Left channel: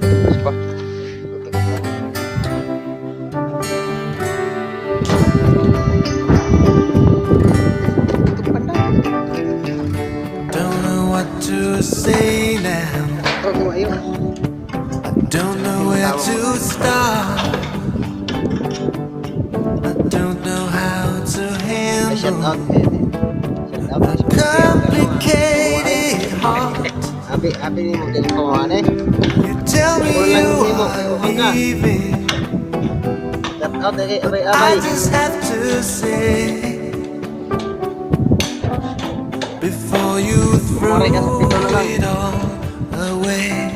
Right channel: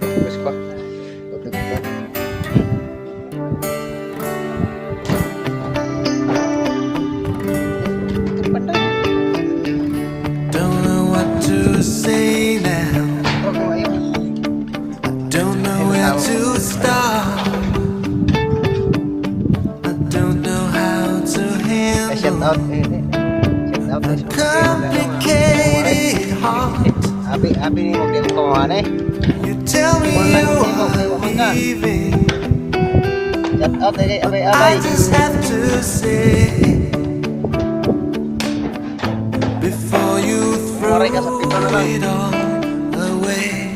Terus pa. Don't know what to say now. I don't know where to start. I don't know how to handle a complicated heart. You tell me you are leaving. I just have to say before you throw it all away.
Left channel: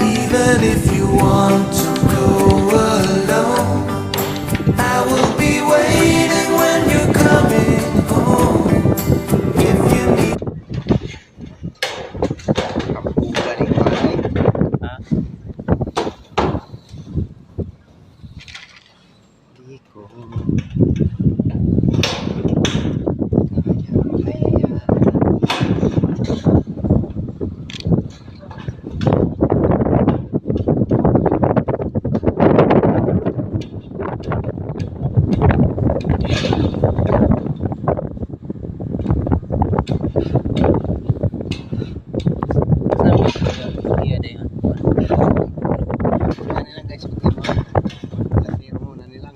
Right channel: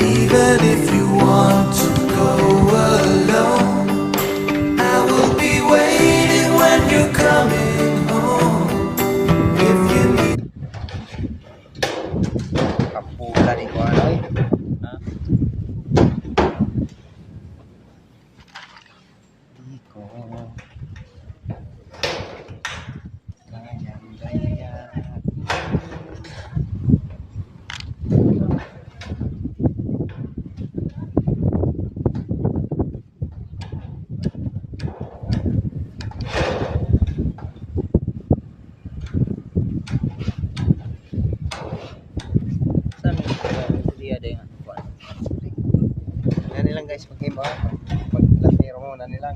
Even if you want to go alone, I will be waiting when you're coming home. If you need Iya deh. Nani lang guys, paglatiro mo, nani lang.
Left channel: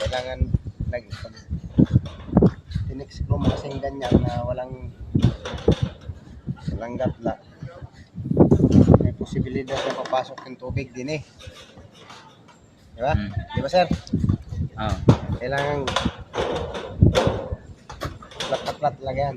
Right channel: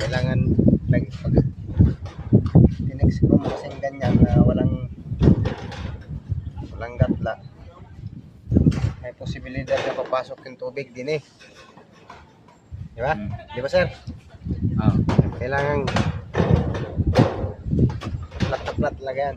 Kailangan lagi pag tinex mo kasing ganyan na walang gatla. May posibilidad na papasok yung tubig din eh. Di ba? Di ba sir? Oh. Kailangan plat na plat lang yan.